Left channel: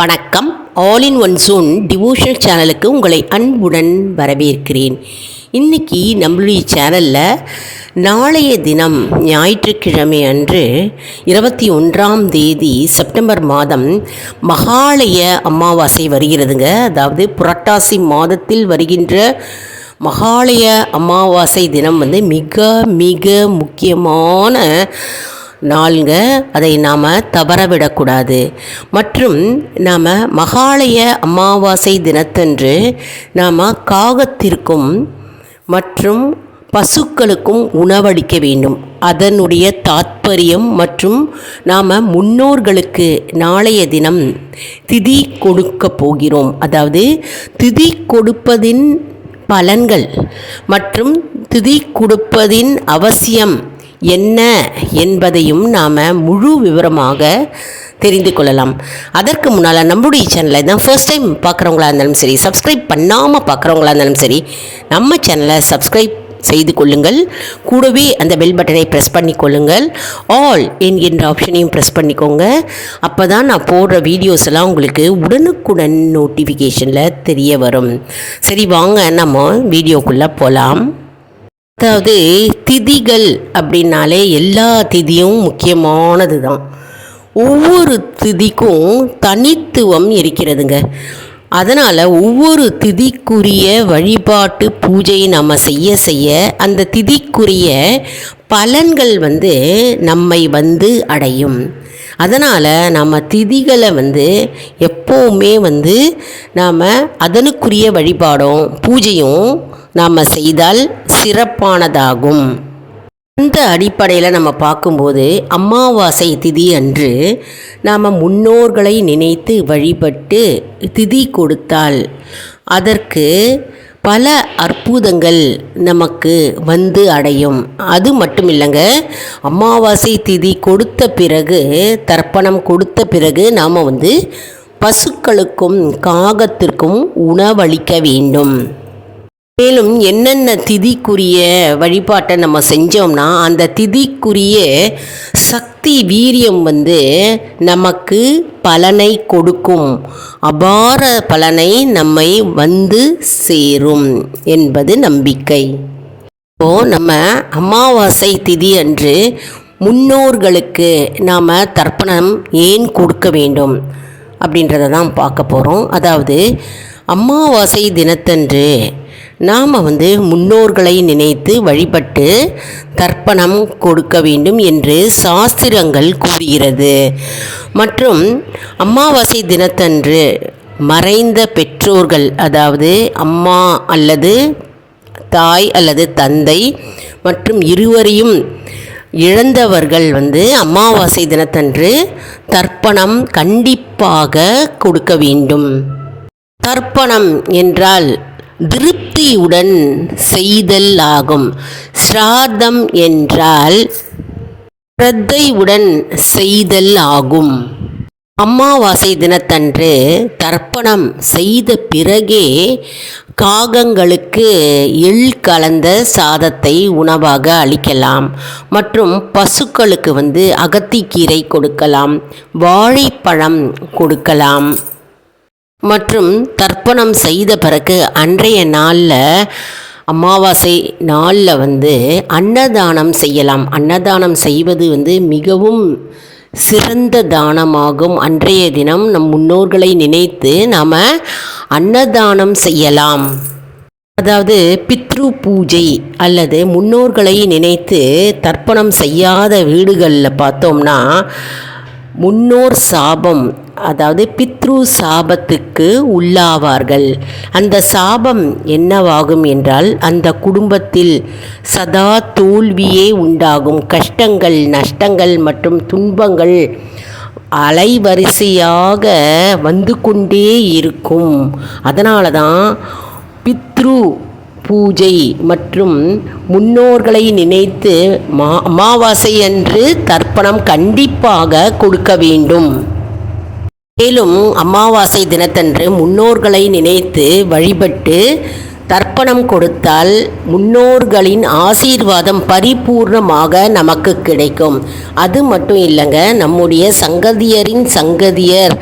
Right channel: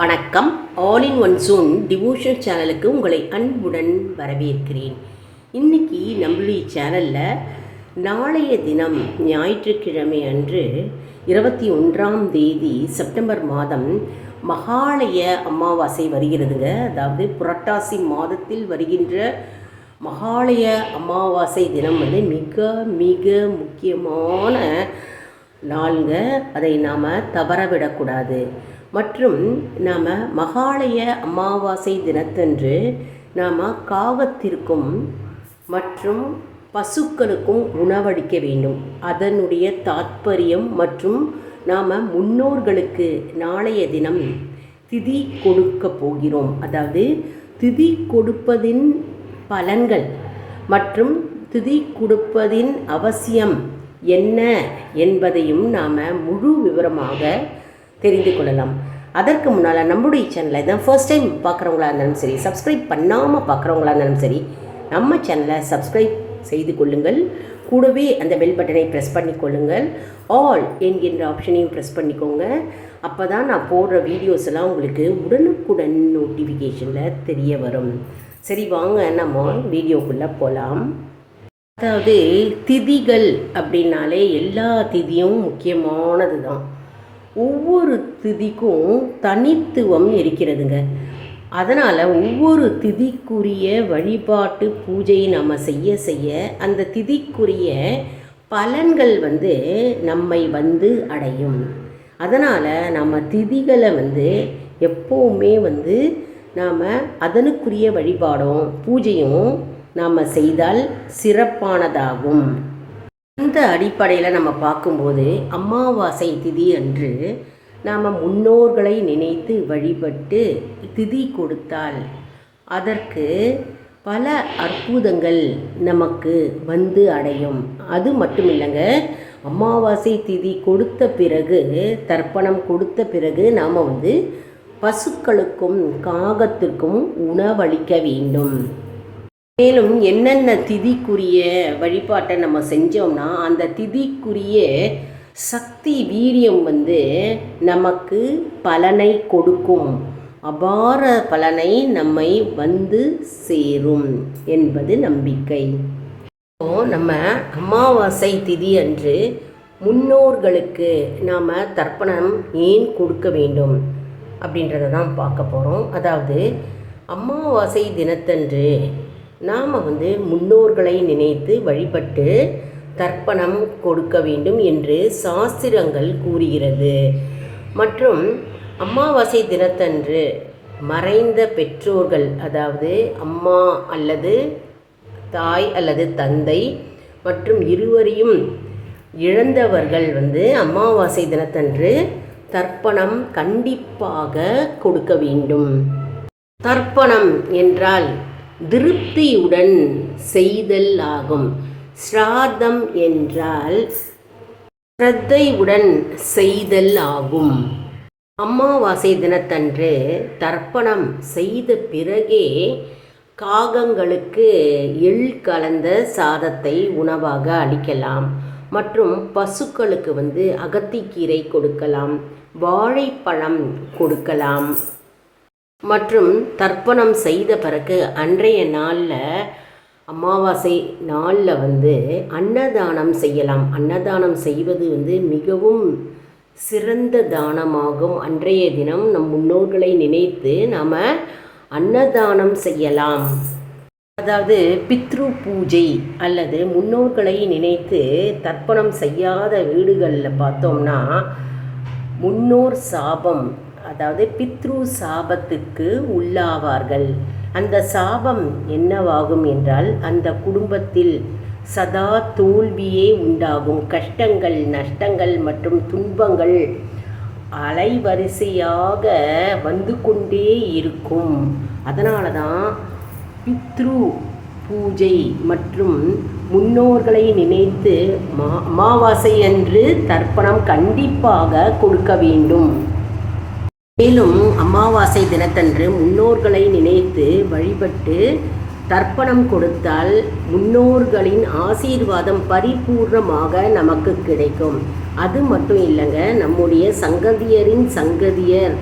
வணக்கம். All in one zone devotional சேனலுக்கு உங்களை அன்புடன் வரவேற்கிறேன். இன்றைக்கி நம்மளுடைய சேனலில் நாளைய தினம் ஞாயிற்றுக்கிழமை அன்று 21ஆம் தேதி செப்டம்பர் மாதம் மகாலய அமாவாசை வருகிறதுங்க. அதாவது புரட்டாசி மாதத்தில் வருகின்ற மகாலய அமாவாசை தினம் மிக மிக முக்கியமான நாளுங்க. அதை நாம் தவறவிடக்கூடாது. மற்றும் நாம் மகாலய அமாவாசை தினத்தன்று நாம் காகத்திற்கும் மற்றும் பசுக்களுக்கும் உணவளிக்க வேண்டும். அதனுடைய தாத்பரியம் மற்றும் நாம் முன்னோர்களுக்கு நாளைய தினம் திதி கொடுக்க போகிறோம். அதாவது திதி கொடுப்பதின் பலன்கள் மற்றும் திதி கொடுப்பதின் அவசியம் என்ன என்பதையும் நாம் முழு விவரமாக தெரிந்து கொள்ளலாம். அதற்கு முன்னால் நம்முடைய சேனலை தான் ஃபர்ஸ்ட் டைம் பார்க்குறவங்களா இருந்தாலும் சரி, சப்ஸ்கிரைப் பண்ணாமல் பார்க்குறவங்களா இருந்தாலும் சரி, நம்ம சேனலை சப்ஸ்கிரைப் செய்து கொள்ளுங்கள். கூடவே அந்த பெல் பட்டனை ப்ரெஸ் பண்ணி கொள்ளுங்கள். ஆல் என்கின்ற ஆப்ஷனையும் ப்ரெஸ் பண்ணிக்கோங்க. அப்போ தான் நான் போடுற வீடியோஸ் எல்லாம் உங்களுக்கு உடனுக்குடன் நோட்டிஃபிகேஷனில் தெரிய வரும். சரி, வாங்க நம்ம வீடியோக்குள்ளே போகலாம். அதாவது திதிகள் அப்படின்னாலே எல்லா திதியும் முக்கியமானது தான். ஒவ்வொரு திதிக்கும் தனித்துவம் இருக்கிறதுங்க. அதனால் ஒவ்வொரு திதிக்குரிய வழிபாட்டு பூஜையை நம்ம செய்ய செய்ய அந்த திதிக்குரிய பலன்கள் நம்மை அடையும். அதனால் நம்ம திதிகளை எப்போவுமே நாம் அதனுக்குரிய வழிபாடும் பூஜையும் நாம் செய்தால் சிறப்பானதாகும். அந்த அடிப்படையில் நம்ம பார்க்கும்போது அமாவாசை திதி அன்று நாம் முன்னோர்களை நினைத்து வழிபட்டு திதி கொடுத்தால் அதற்கு பல அற்புதங்கள் நமக்கு அடையும். அது மட்டும் இல்லைங்க, அமாவாசை திதி கொடுத்த பிறகு, தர்ப்பணம் கொடுத்த பிறகு நாம் பசுக்களுக்கும் காகத்திற்கும் உணவளிக்க வேண்டும். மேலும் என்னென்ன திதிக்குரிய வழிபாட்டை நம்ம செஞ்சோம்னா அந்த திதிக்குரிய சக்தி வீரியம் நமக்கு பலனை கொடுக்கும். அபார பலனை நம்மை சேரும் என்பது நம்பிக்கை. இப்போது நம்ம அமாவாசை திதி அன்று முன்னோர்களுக்கு நாம் தர்ப்பணம் ஏன் கொடுக்க வேண்டும் அப்படின்றத தான் பார்க்க போகிறோம். அதாவது அமாவாசை தினத்தன்று நாம் முன்னோர்களை நினைத்து வழிபட்டு தர்ப்பணம் கொடுக்க வேண்டும் என்று சாஸ்திரங்கள் கூறுகிறது. மற்றும் அமாவாசை தினத்தன்று மறைந்த பெற்றோர்கள், அதாவது அம்மா அல்லது தாய் அல்லது தந்தை மற்றும் இருவரையும் இழந்தவர்கள் அமாவாசை தினத்தன்று தர்ப்பணம் கண்டிப்பாக கொடுக்க வேண்டும். தர்ப்பணம் என்றால் திருப்தியுடன் செய்தல் ஆகும். ஸ்ராத்தம் என்றால் ஸ்ரத்தையுடன் செய்தல் ஆகும். அமாவாசை தினத்தன்று தர்ப்பணம் செய்த பிறகே காகங்களுக்கு எள் கலந்த சாதத்தை உணவாக அளிக்கலாம். மற்றும் பசுக்களுக்கு அகத்திக்கீரை கொடுக்கலாம், வாழைப்பழம் கொடுக்கலாம். மற்றும் தர்ப்பணம் செய்த பிறகு அன்றைய நாளில், அமாவாசை நாளில் அன்னதானம் செய்யலாம். அன்னதானம் செய்வது மிகவும் சிறந்த தானமாகும். அன்றைய தினம் நம் முன்னோர்களை நினைத்து நாம் அன்னதானம் செய்யலாம். அதாவது பித்ரு பூஜை அல்லது முன்னோர்களை நினைத்து தர்ப்பணம் செய்யாத வீடுகளில் பார்த்தோம்னா முன்னோர் சாபம், அதாவது பித்ரு சாபத்துக்கு உள்ளாவார்கள். அந்த சாபம் என்னவாகும் என்றால் அந்த குடும்பத்தில் சதா தோல்வியே உண்டாகும். கஷ்டங்கள், நஷ்டங்கள் மற்றும் துன்பங்கள் அலைவரிசையாக கொண்டே இருக்கும். அதனால தான் பித்ரு பூஜை மற்றும் முன்னோர்களை நினைத்து அமாவாசை அன்று தர்ப்பணம் கண்டிப்பாக கொடுக்க வேண்டும். மேலும் அமாவாசை தினத்தன்று முன்னோர்களை நினைத்து வழிபட்டு தர்ப்பணம் கொடுத்தால் முன்னோர்களின் ஆசீர்வாதம் பரிபூர்ணமாக நமக்கு கிடைக்கும். அது மட்டும் இல்லைங்க, நம்முடைய சங்கதியரின் சங்கதியர்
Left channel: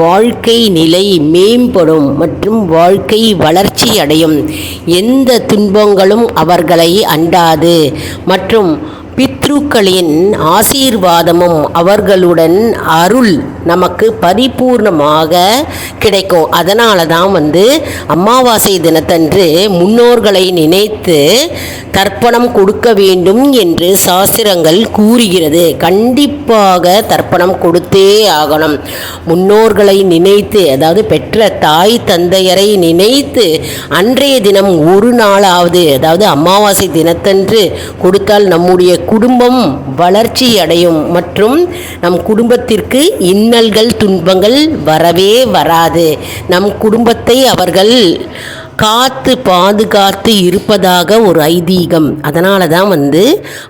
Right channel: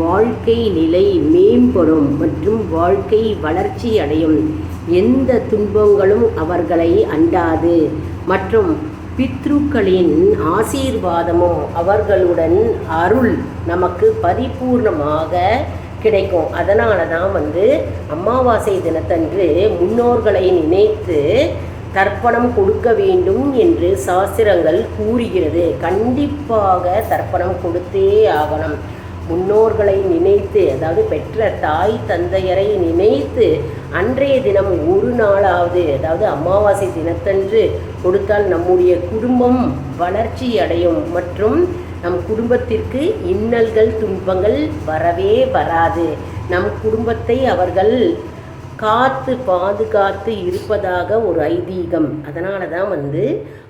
வாழ்க்கை நிலை மேம்படும் மற்றும் வாழ்க்கை வளர்ச்சி அடையும். எந்த துன்பங்களும் அவர்களை அண்டாது மற்றும் பித்ருக்களின் ஆசீர்வாதமும் அவர்களுடன் அருள் நமக்கு பரிபூர்ணமாக கிடைக்கும். அதனால தான் அமாவாசை தினத்தன்று முன்னோர்களை நினைத்து தர்ப்பணம் கொடுக்க வேண்டும் என்று சாஸ்திரங்கள் கூறுகிறது. கண்டிப்பாக தர்ப்பணம் கொடுத்தே ஆகணும். முன்னோர்களை நினைத்து, அதாவது பெற்ற தாய் தந்தையரை நினைத்து அன்றைய தினம் ஒரு நாளாவது, அதாவது அமாவாசை தினத்தன்று கொடுத்தால் நம்முடைய குடும்பம் வளர்ச்சி அடையும் மற்றும் நம் குடும்பத்திற்கு இன்னல்கள் துன்பங்கள் வரவே வராது. நம் குடும்பத்தை அவர்கள் காத்து பாதுகாத்து இருப்பதாக ஒரு ஐதீகம். அதனால தான்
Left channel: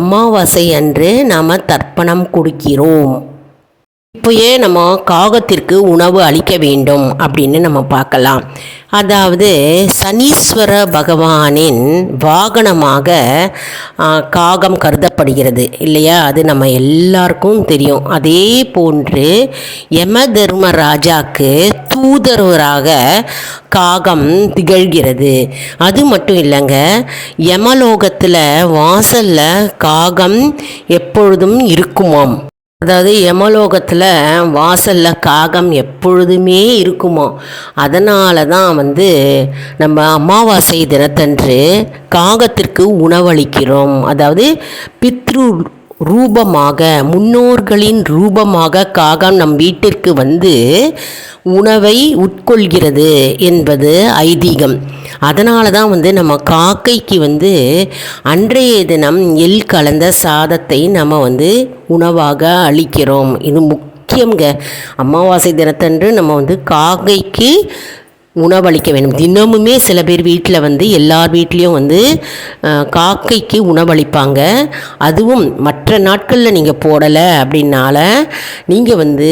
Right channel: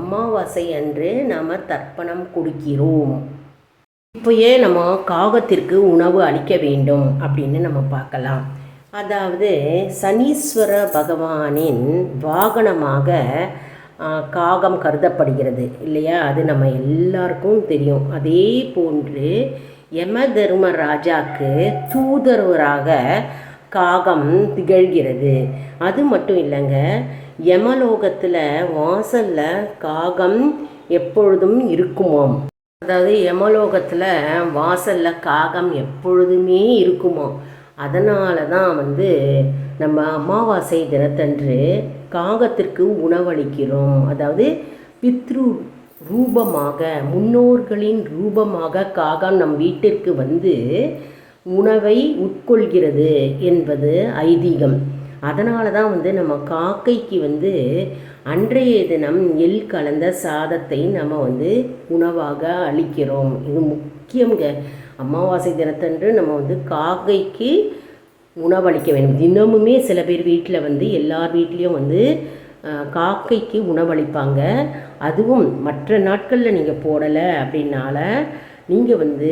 அமாவாசை அன்று நாம் தர்ப்பணம் கொடுக்கிறோம். இப்போ ஏன் நம்ம காகத்திற்கு உணவு அளிக்க வேண்டும் அப்படின்னு நம்ம பார்க்கலாம். அதாவது சனீஸ்வர பகவானின் வாகனமாக காகம் கருதப்படுகிறது இல்லையா? அது நம்ம எல்லாருக்கும் தெரியும். அதே போன்று யம தர்மராஜாக்கு தூதரவராக காகம் திகழ்கிறது. அது மட்டும் இல்லைங்க, யமலோகத்தில் வாசலில் காகம் எப்பொழுதும் இருக்குமாம். அதாவது யமலோகத்தில் வாசலில் காகம் எப்பொழுதுமே இருக்குமோ. அதனால தான் நம்ம அமாவாசை தினத்தன்று காகத்திற்கு உணவளிக்கிறோம். அதாவது பித்ரு ரூபமாக, முன்னோர்களின் ரூபமாக காகம் நம் வீட்டிற்கு உணவை உட்கொள்கிறது என்பது ஐதீகம். அதனால தான் நம்ம காக்கைக்கு அன்றைய தினம் எள் கலந்த சாதத்தை நம்ம உணவாக அளிக்கிறோம். இது முக்கியங்க. அமாவாசை தினத்தன்று நம்ம காக்கைக்கு உணவளிக்க வேண்டும். தினமுமே சில பேர் வீட்டில் எல்லார் வீட்லேயும் காக்கைக்கு உணவளிப்பாங்க. அதுவும் மற்ற நாட்களில் நீங்கள் போடலை அப்படின்னால நீங்கள்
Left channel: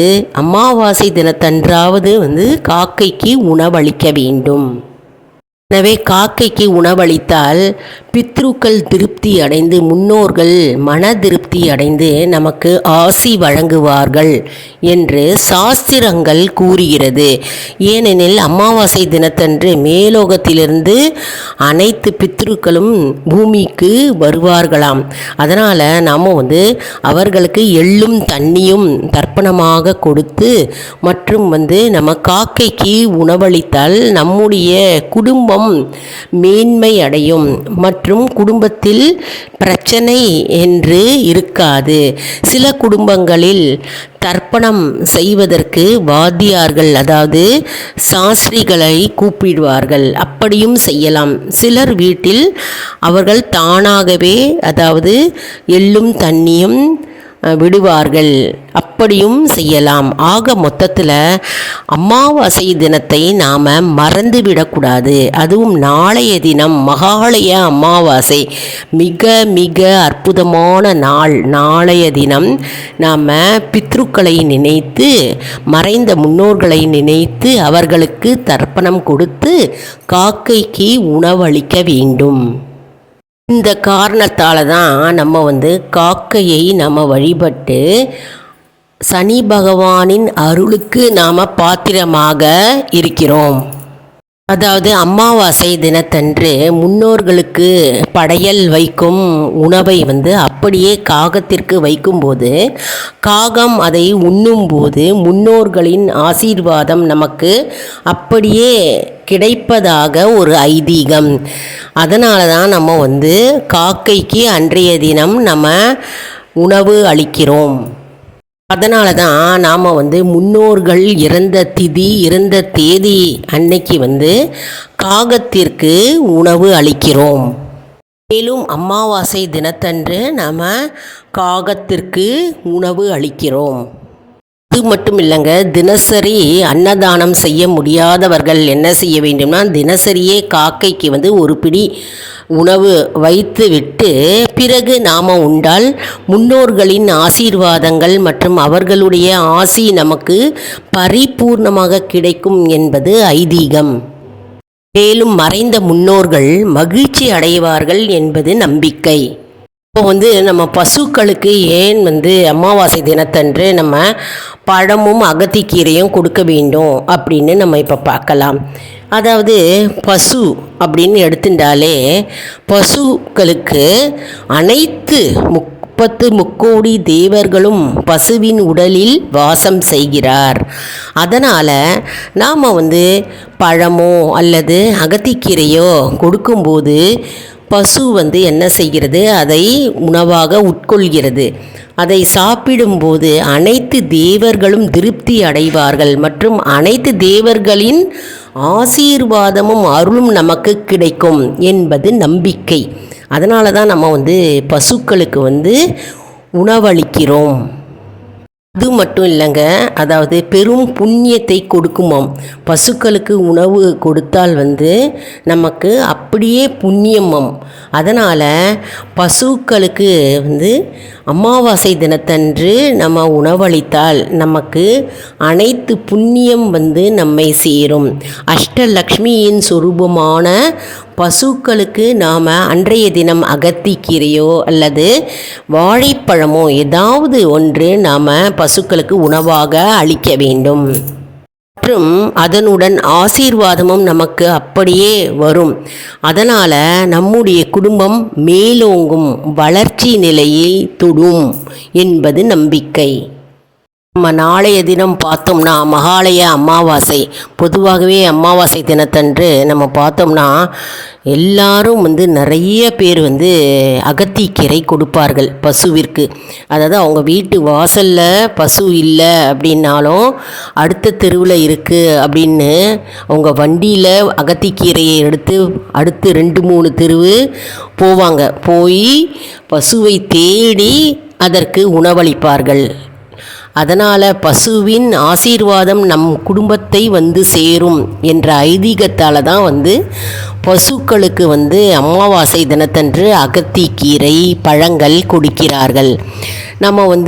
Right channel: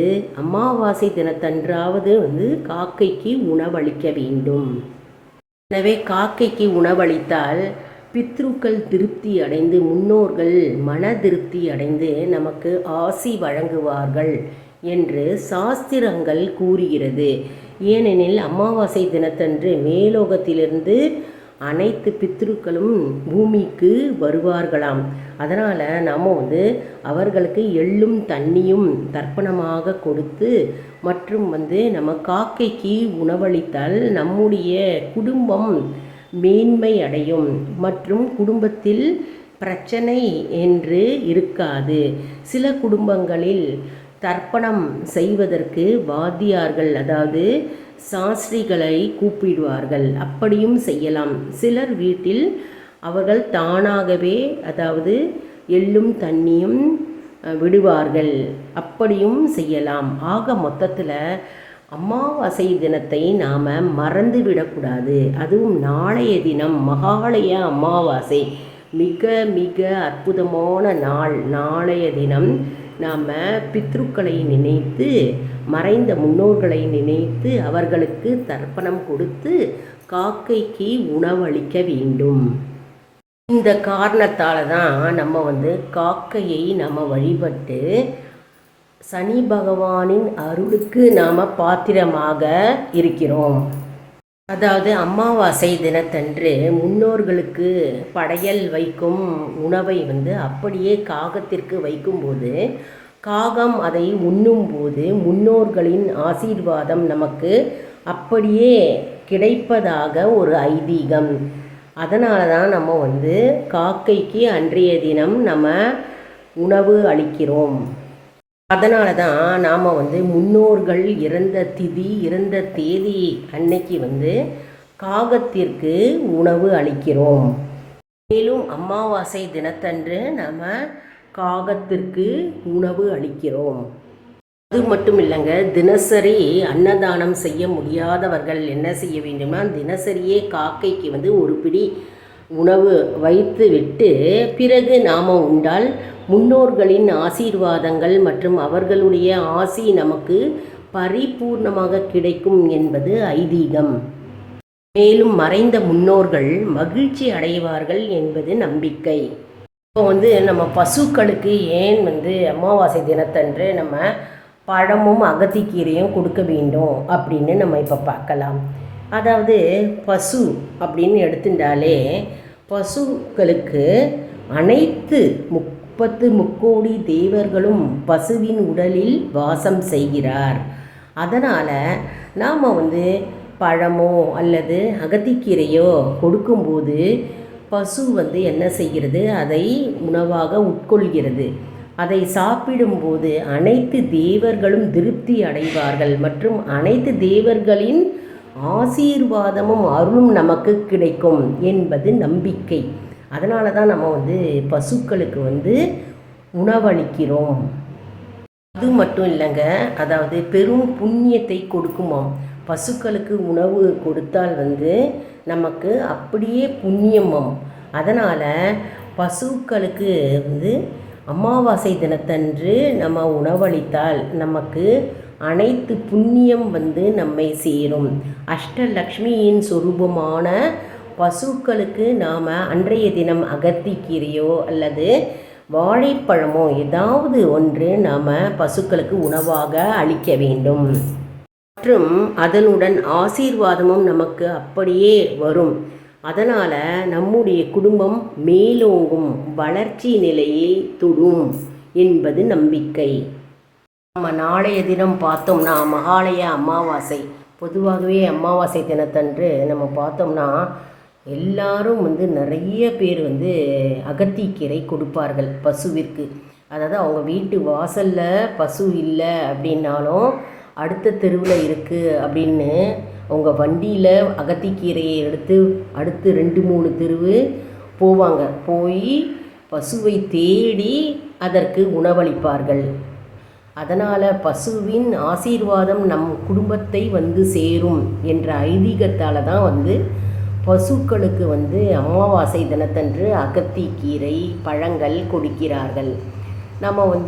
அமாவாசை தினத்தன்றாவது காக்கைக்கு உணவளிக்க வேண்டும். எனவே காக்கைக்கு உணவளித்தால் பித்ருக்கள் திருப்தி அடைந்து, முன்னோர்கள் மன திருப்தி அடைந்து நமக்கு ஆசி வழங்குவார்கள் என்று சாஸ்திரங்கள் கூறுகிறது. ஏனெனில் அமாவாசை தினத்தன்று மேலோகத்திலிருந்து அனைத்து பித்ருக்களும் பூமிக்கு வருவார்களாம். அதனால் நாம் அவர்களுக்கு எள்ளும் தண்ணியும் தர்ப்பணமாக கொடுத்து மற்றும் நம்ம காக்கைக்கு உணவளித்தால் நம்முடைய குடும்பம் மேன்மை அடையும் மற்றும் குடும்பத்தில் பிரச்சனை என்று இருக்காது. சில குடும்பங்களில் தர்ப்பணம் செய்வதற்கு வாத்தியார்கள், அதாவது சாஸ்திரிகளை கூப்பிடுவார்கள். அப்படியும் செய்யலாம். சிலர் வீட்டில் அவர்கள் தானாகவே, அதாவது எள்ளும் தண்ணியும் விடுவார்கள். அப்படியும் செய்யலாம். ஆக மொத்தத்தில் அமாவாசை தினத்தை நாம் மறந்துவிடக்கூடாது. அதுவும் நாளைய தினம் மகாலய அமாவாசை, மிக மிக அற்புதமான நாள். நாளைய தினம் நாம் பித்ருக்களை நினைத்து, மறைந்த முன்னோர்களை நினைத்து அவர்களுக்கு தர்ப்பணம் கொடுத்து காக்கைக்கு உணவளிக்க வேண்டும். இந்த காரணத்தால் தான் நம்ம காக்கையை நம்ம வழிபட்டு சனி பகவானின் அருளுக்கு நாம் பாத்திரமாக இருக்கிறோம். அதாவது அமாவாசை தினத்தன்று முன்னோர்களுக்கு படையல் வைக்கும் உணவை அப்படியே காகத்திற்கு வைக்கும்போது காகம் அதை உண்ணும்போது முன்னோர்களின் ஆசீர்வாதம் நமக்கு அப்படியே கிடைப்பதாக ஒரு ஐதீகம். அதனால தான் நம்ம காக்கைக்கு அன்றைய தினம் நம்ம உணவு அளிக்கிறோம். அதனால தான் நாம் முன்னோர்கள் இறந்த திதி, இறந்த தேதி அன்னைக்கு காகத்திற்கு உணவு அளிக்கிறோம். மேலும் அமாவாசை தினத்தன்று நாம் காகத்திற்கு உணவு அளிக்கிறோம். அது மட்டும் இல்லைங்க, தினசரி அன்னதானம் செய்ய முடியாதவர்கள் என்ன செய்ய வேண்டும்னா, தினசரியே காக்கைக்கு ஒரு பிடி உணவு வைத்து விட்டு பிறகு நாம் உண்டால் முன்னோர்களின் ஆசீர்வாதங்கள் மற்றும் அவர்களுடைய ஆசி நமக்கு பரிபூர்ணமாக கிடைக்கும் என்பது ஐதீகம். மேலும் மறைந்த முன்னோர்கள் மகிழ்ச்சி அடைவார்கள் என்பது நம்பிக்கை. இப்போ நம்ம பசுக்களுக்கு ஏன் அமாவாசை தினத்தன்று நம்ம பழமும் அகத்திக்கீரையும் கொடுக்க வேண்டும் அப்படின்னு நம்ம இப்போ பார்க்கலாம். அதாவது பசு அப்படின்னு எடுத்துட்டாலே பசுக்களுக்கு அனைத்து 30 முக்கோடி தேவர்களும் பசுவின் உடலில் வாசம் செய்கிறார். அதனால் நாம் பழமோ அல்லது அகத்திக்கீரையோ கொடுக்கும்போது பசு என்ன செய்கிறது, அதை உணவாக உட்கொள்கிறது. அதை சாப்பிடும்போது அனைத்து தேவர்களும் திருப்தி அடைவார்கள் மற்றும் அனைத்து தேவர்களின் ஆசீர்வாதமும் அருளும் நமக்கு கிடைக்கும் என்பது நம்பிக்கை. அதனால தான் நம்ம பசுக்களுக்கு உணவளிக்கிறோம். அது மட்டும் இல்லைங்க, அதாவது பெரும் புண்ணியத்தை கொடுக்குமாம். பசுக்களுக்கு உணவு கொடுத்தால் நமக்கு அப்படியே புண்ணியமாம். அதனால் பசுக்களுக்கு அமாவாசை தினத்தன்று நம்ம உணவளித்தால் நமக்கு அனைத்து புண்ணியம் நம்மை சேரும். அஷ்டலக்ஷ்மியின் சொரூபமான பசுக்களுக்கு நாம் அன்றைய தினம் அகத்திக்கீரையோ அல்லது வாழைப்பழமோ ஏதாவது ஒன்று நாம் பசுக்களுக்கு உணவாக அளிக்க வேண்டும். மற்றும் அதனுடன் ஆசீர்வாதமும் நமக்கு அப்படியே வரும். அதனால் நம்முடைய குடும்பம் மேலோங்கும் வளர்ச்சி நிலையை தொடும் என்பது நம்பிக்கை. நம்ம நாளைய தினம் பார்த்தோம்னா மகாலய அமாவாசை. பொதுவாகவே அமாவாசை தினத்தன்று நம்ம பார்த்தோம்னா எல்லாரும் நிறைய பேர் அகத்திக்கீரை கொடுப்பார்கள் பசுவிற்கு. அதாவது அவங்க வீட்டு வாசலில் பசு இல்லை அப்படின்னாலும் அடுத்த தெருவில் இருக்குது அப்படின்னு அவங்க வண்டியில் அகத்திக்கீரையை எடுத்து அடுத்து 2-3 தெருவு போவாங்க. போய் பசுவை தேடி அதற்கு உணவளிப்பார்கள். அதனால் பசுவின் ஆசீர்வாதம் நம் குடும்பத்தை சேரும் என்ற ஐதீகத்தால் தான் பசுக்களுக்கு அமாவாசை தினத்தன்று அகத்திக்கீரை பழங்கள் கொடுக்கிறார்கள். நம்ம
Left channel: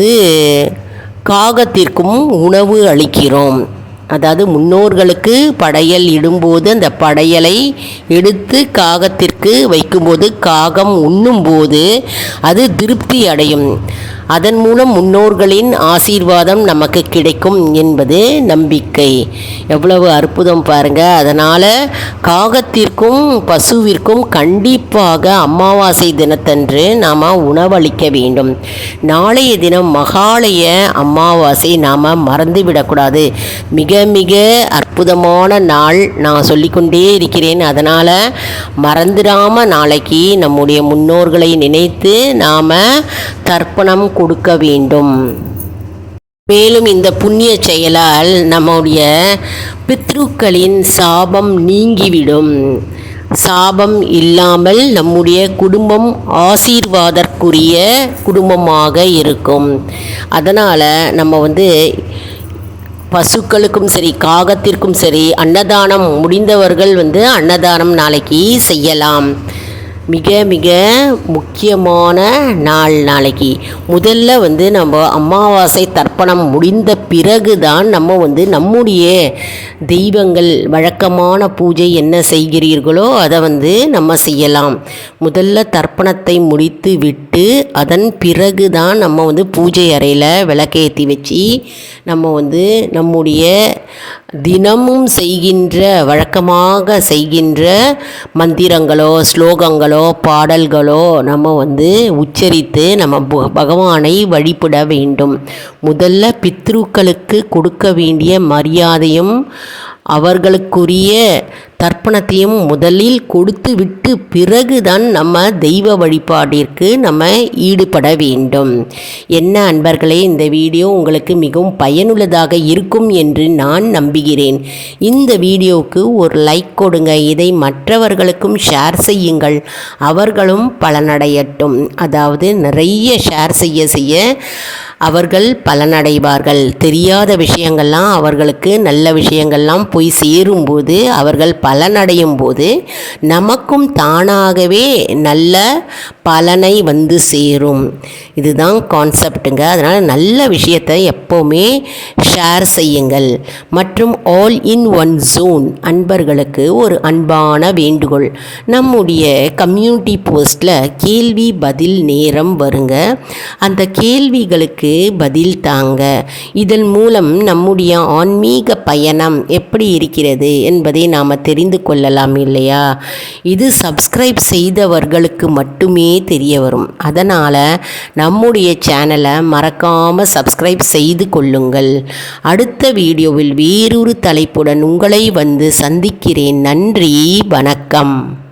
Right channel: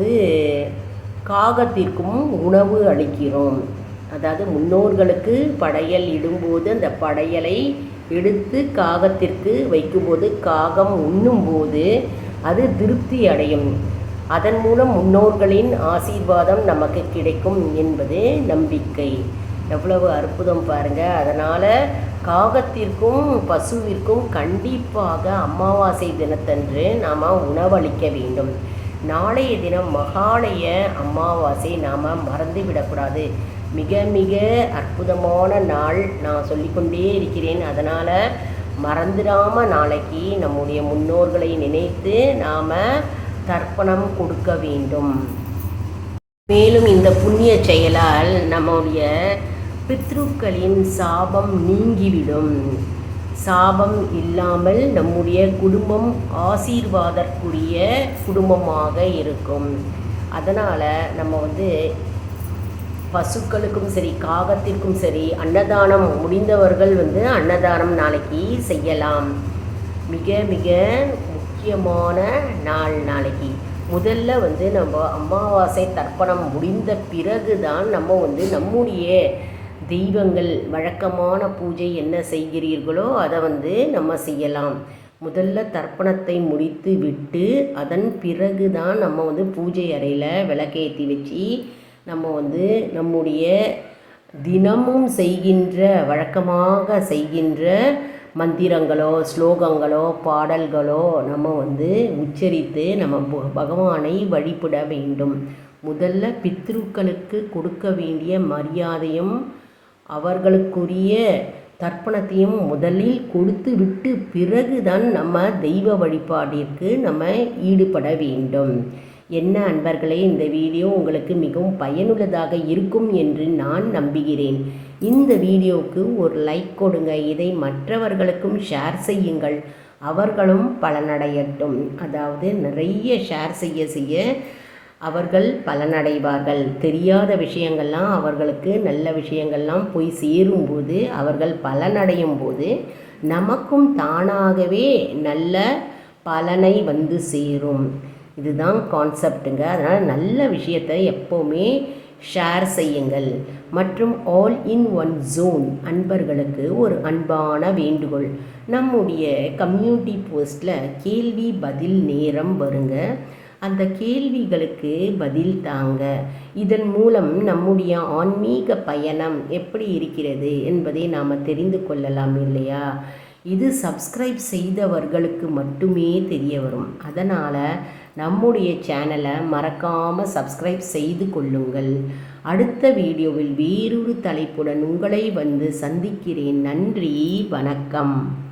காகத்திற்கும் உணவு அளிக்கிறோம். அதாவது முன்னோர்களுக்கு படையல் இடும்போது அந்த படையலை எடுத்து காகத்திற்கு வைக்கும்போது காகம் உண்ணும்போது அது திருப்தி அடையும். அதன் மூலம் முன்னோர்களின் ஆசீர்வாதம் நமக்கு கிடைக்கும் என்பது நம்பிக்கை. எவ்வளவு அற்புதம் பாருங்கள். அதனால் காகத்திற்கும் பசுவிற்கும் கண்டிப்பாக அமாவாசை தினத்தன்று நாம் உணவளிக்க வேண்டும். நாளைய தினம் மகாலய அமாவாசை நாம் மறந்துவிடக்கூடாது. மிக மிக அற்புதமான நாள். நான் சொல்லிக்கொண்டே இருக்கிறேன். அதனால் மறந்துடாமல் நாளைக்கு நம்முடைய முன்னோர்களை நினைத்து நாம் தர்ப்பணம் கொடுக்க வேண்டும். மேலும் இந்த புண்ணிய செயலால் நம்முடைய பித்ருக்களின் சாபம் நீங்கிவிடும். சாபம் இல்லாமல் நம்முடைய குடும்பம் ஆசீர்வாதற்குரிய குடும்பமாக இருக்கும். அதனால் நம்ம பசுக்களுக்கும் சரி காகத்திற்கும் சரி அன்னதானம் முடிந்தவர்கள் அன்னதானம் நாளைக்கு செய்யலாம். மிக மிக முக்கியமான நாள் நாளைக்கு. முதல்ல நம்ம அமாவாசை தர்ப்பணம் முடிந்த பிறகு தான் நம்ம நம்முடைய தெய்வங்கள் வழக்கமான பூஜை என்ன செய்கிறீர்களோ அதை நம்ம செய்யலாம். முதல்ல தர்ப்பணத்தை முடித்து விட்டு அதன் பிறகு தான் நம்ம பூஜை அறையில் விளக்கேற்றி வச்சு நம்ம நம்முடைய தினமும் செய்கின்ற வழக்கமாக செய்கின்ற மந்திரங்களோ ஸ்லோகங்களோ பாடல்களோ நம்ம உச்சரித்து நம்ம பகவானை வழிபட வேண்டும். முதல்ல பித்ருக்களுக்கு கொடுக்க வேண்டிய மரியாதையும் அவர்களுக்குரிய தர்ப்பணத்தையும் முதலில் கொடுத்து விட்டு பிறகுதான் நம்ம தெய்வ வழிபாட்டிற்கு நம்ம ஈடுபட வேண்டும். என்ன அன்பர்களே, இந்த வீடியோ உங்களுக்கு மிகவும் பயனுள்ளதாக இருக்கும் என்று நான் நம்புகிறேன். இந்த வீடியோவுக்கு ஒரு லைக் கொடுங்க. இதை மற்றவர்களுக்கும் ஷேர் செய்யுங்கள். அவர்களும் பலனடையட்டும். அதாவது நிறைய ஷேர் செய்ய அவர்கள் பலனடைவார்கள். தெரியாத விஷயங்கள்லாம் அவர்களுக்கு நல்ல விஷயங்கள்லாம் போய் சேரும்போது அவர்கள் பலனடையும் போது நமக்கும் தானாகவே நல்ல பலனை வந்து சேரும். இதுதான் கான்செப்டுங்க. அதனால் நல்ல விஷயத்தை எப்போவுமே ஷேர் செய்யுங்கள். மற்றும் ஆல் இன் ஒன் ஜோன் அன்பர்களுக்கு ஒரு அன்பான வேண்டுகோள். நம்முடைய கம்யூனிட்டி போஸ்ட்டில் கேள்வி பதில் நேரம் வருங்க. அந்த கேள்விகளுக்கு பதில் தாங்க. இதன் மூலம் நம்முடைய ஆன்மீக பயணம் எப்படி இருக்கிறது என்பதை நாம் தெரிந்து கொள்ளலாம் இல்லையா? இது சப்ஸ்கிரைப் செய்தவர்களுக்கு மட்டுமே தெரிய வரும். அதனால் நம்முடைய சேனலை மறக்காமல் சப்ஸ்கிரைப் செய்து கொள்ளுங்கள். அடுத்த வீடியோவில் வேறொரு தலைப்புடன் உங்களை வந்து சந்திக்கிறேன். நன்றி, வணக்கம்.